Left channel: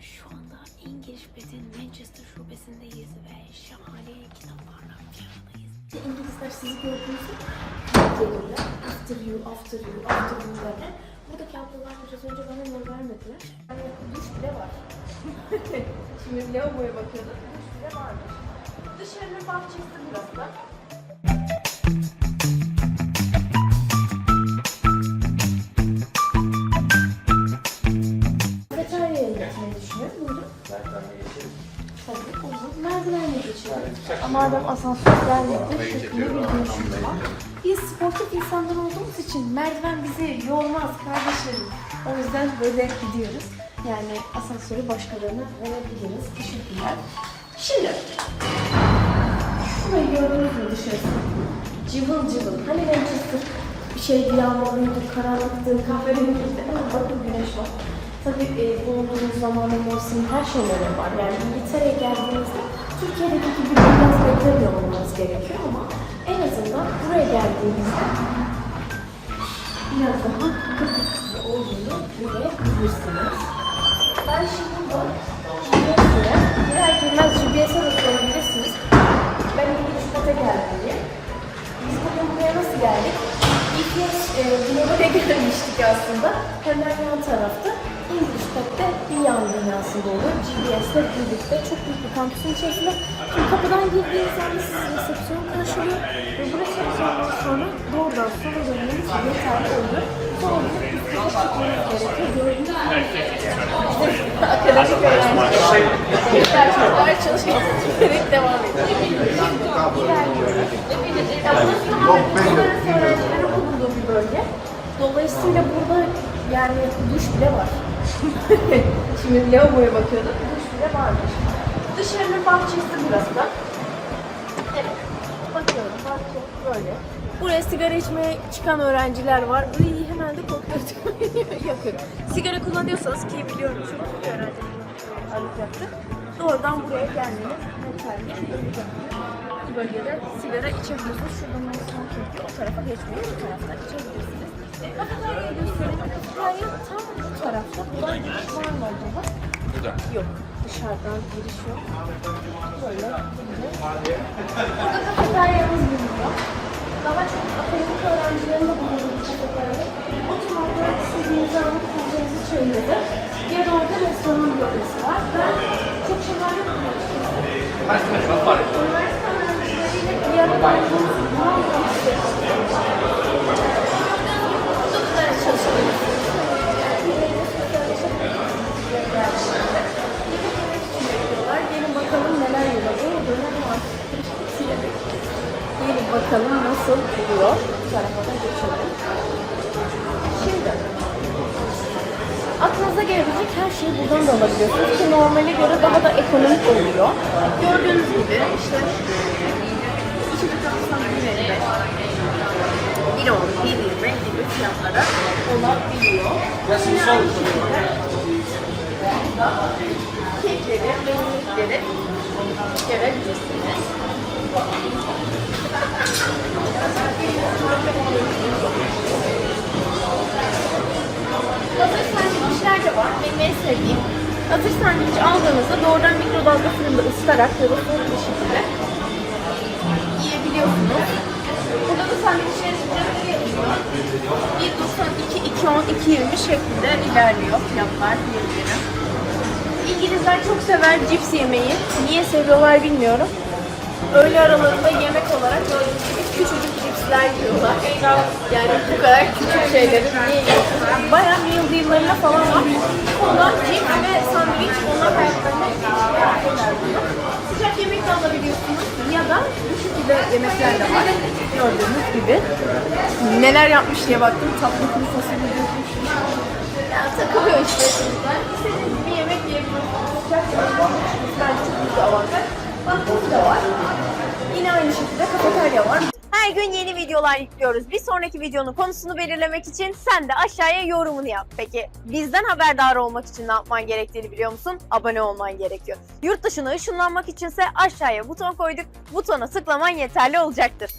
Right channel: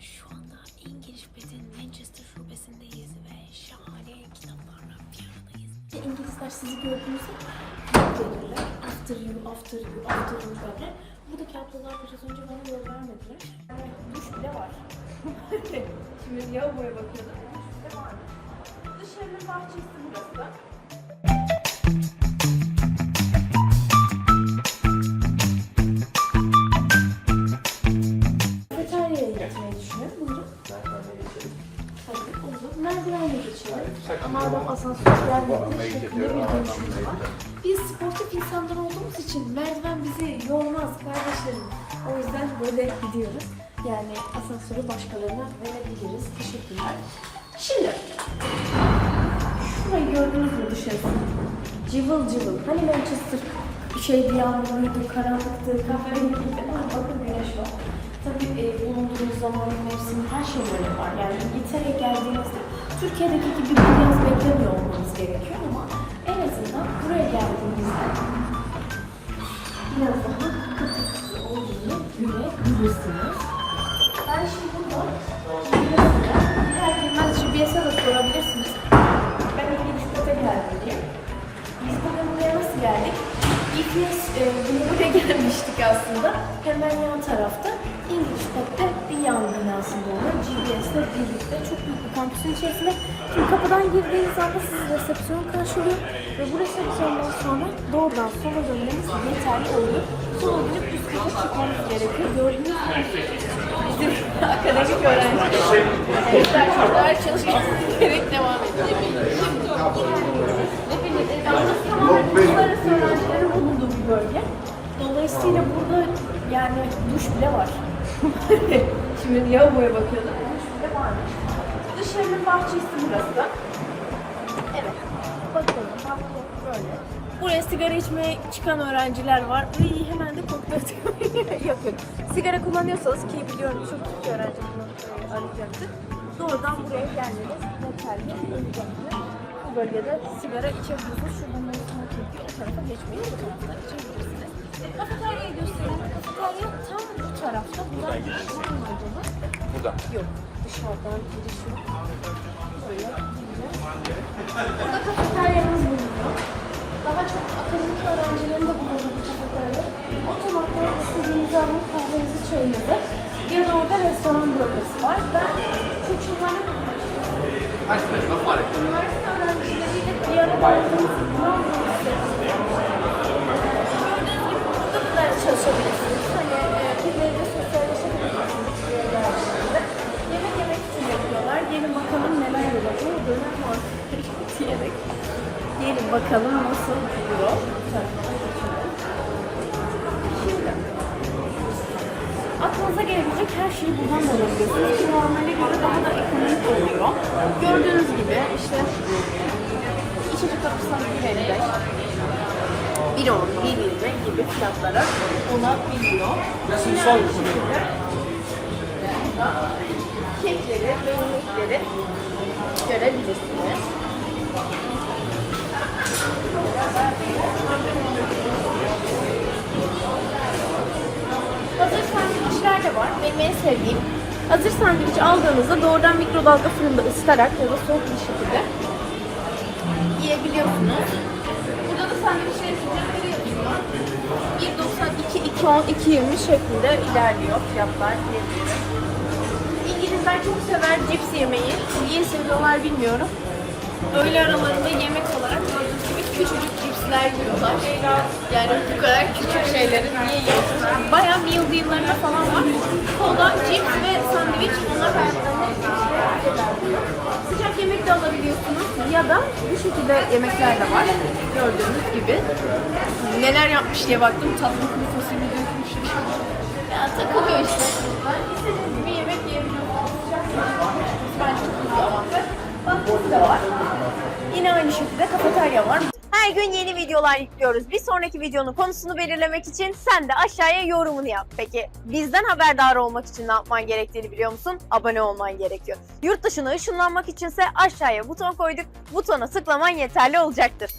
Şu anda İngiliz Bed'in Manchester şubesindeyiz ve şahane kitaplarla bir aradayız. İngilizler sizi gördüğünüzde gelirler. After you, after you, after you derler. Buradaki ablalar biraz önce bana yol vermediler. Yani duş bile var. Şimdi lavaboya bakıyordum. Duş bile varmış. Dışarının bahçesi burası. Madem asansör gelmedi, bir. Biz sportif insanlar olduğumuz için merdiven bizi yormaz kardeşlerim. O yüzden böyle gidiyoruz. Yani asansörü başkalarına verebiliriz. Teşekkürler. Şimdi, şurayı gördünüz mü dışarısı? Cıvıl cıvıl. Hani Manchester bir şeydi, yağmurluydu, karanlıktı, kahverengiydi. Ama bakın güneş var. Tabii e, bulunduğumuz zamanın mevsimi her şeyleri var. Yani İngiltere'ye geldiğimizde Türkiye'deki gibi bir yaz beklemiyor olmamız gerekiyor ama en azından buraya geldiğimizde biraz daha kıpkırmızı olduğunu görebilirsiniz. Ben şimdi GPS'e, merak etmez GPS'e de sorabilirsiniz. Ben İngiliz Kata geldim. Biz bugün buraya nasıl geldik? GPS e, buraya gelmiştik aslında. Hemen yan tarafta İngiliz Kat'ta bir yan binasında oluyor. GPS'le birlikte çok büyük bir kampüsün içerisinde. Şimdi kapıdan girdiğiniz anda sizi resepsiyon karşılıyor. Ve bu resepsiyondan sonra doğrudan sola dönmeniz yeterli olur. Sola dönüp üst kata çıkmanız gerekiyor. Gördüğünüz gibi bizim akademik öğrenciler. Arkadaşlar çalışmaya devam ediyor. Yani duş bile var. Şimdi lavaboya bakıyordum. Duş bile varmış. Dışarının bahçesi burası. Evet. Bakıyorum bahçe böyle. Buraya sigara içmeye çıkan öğrenciler var. Iy, hemen de kokladım. Yakın. Sigara kullanıyorsanız ki biliyorum çünkü tutuyorum alacaktı. Doğrudan buraya gelmeniz yeterli. Bu bölgede sigara içebiliyorsunuz. Şuradan Mayıs'ın çünkü o tarafa geçmeyi bu tarafta içebilirsiniz. Kafeteryayı gösterelim. Kafeterya tam bu tarafta. Buradan giriş var mı acaba? Yok. Dışarıdan giriş yok. Böyle gireceğiz. Burada kafeteryamız bulunuyor. Daha çok akademik öğrencilerin de bulunduğu bir kafeterya. Otomatik istediğiniz zaman kahvenizi çayınızı. Bir orada restoran bölgesi var. Ben çok şahane yemek. Gelin bakalım nasıl oluyor. Şimdi aklınıza gelebilecek her şeyi buradan da alabiliyorsunuz ki normale göre daha da ekonomik oluyor. Gördüğünüz gibi işte içecek kapısından 1.55 1 olur, 1.20 gibi fiyatlara olabiliyor. Yine aynı şekilde kekleri ve yemekleri görebilirsiniz. Hazır sandviçler de var. Benim en. Hazır sandviç aldığınızda doğrudan mikrodalga fırında ısıtarak ya da soğuk bir şekilde yiyebiliyorsunuz. Burada da sandviçler fiyatları yazıyor. 1.92, 2.10, 2.20 şeklinde ilerliyor fiyatlar. İngilizler çok sever cips yemeyi. Niye seviyorlar bilmiyorum. Öğle aralarında yemek olarak gördüğünüz gibi küçücük cipsler yiyorlar. Yani bu kadar küçük şeyleri niye yiyorsunuz? Meal deal'larında falan var. Ondan cips ve sandviç onlar hayatlarında şeyler Sıcak yemek de alabiliyorsunuz ya da bu şekilde yemekler de var. Gördüğünüz gibi. Neler yapmış diye baktım. Tatlı kuru fasulye dökmüş. Ya takılıyor işte çocuklar. İstediğiniz gibi Bahçesi de var. Yine aynı şekilde kafeterya var. Her gün yeni videolar yüklüyoruz. Bir sonraki videonun konusunu belirlemek için sen de aşağıya yorumunu yap. Peki bizden haberdar olmak için ne yapman gerektiğini biliyor musun? Abone olman gerekiyor. Yurt dışına ışınlanmak içinse aşağıya buton koyduk. Butona tıklaman yeterli olacaktır.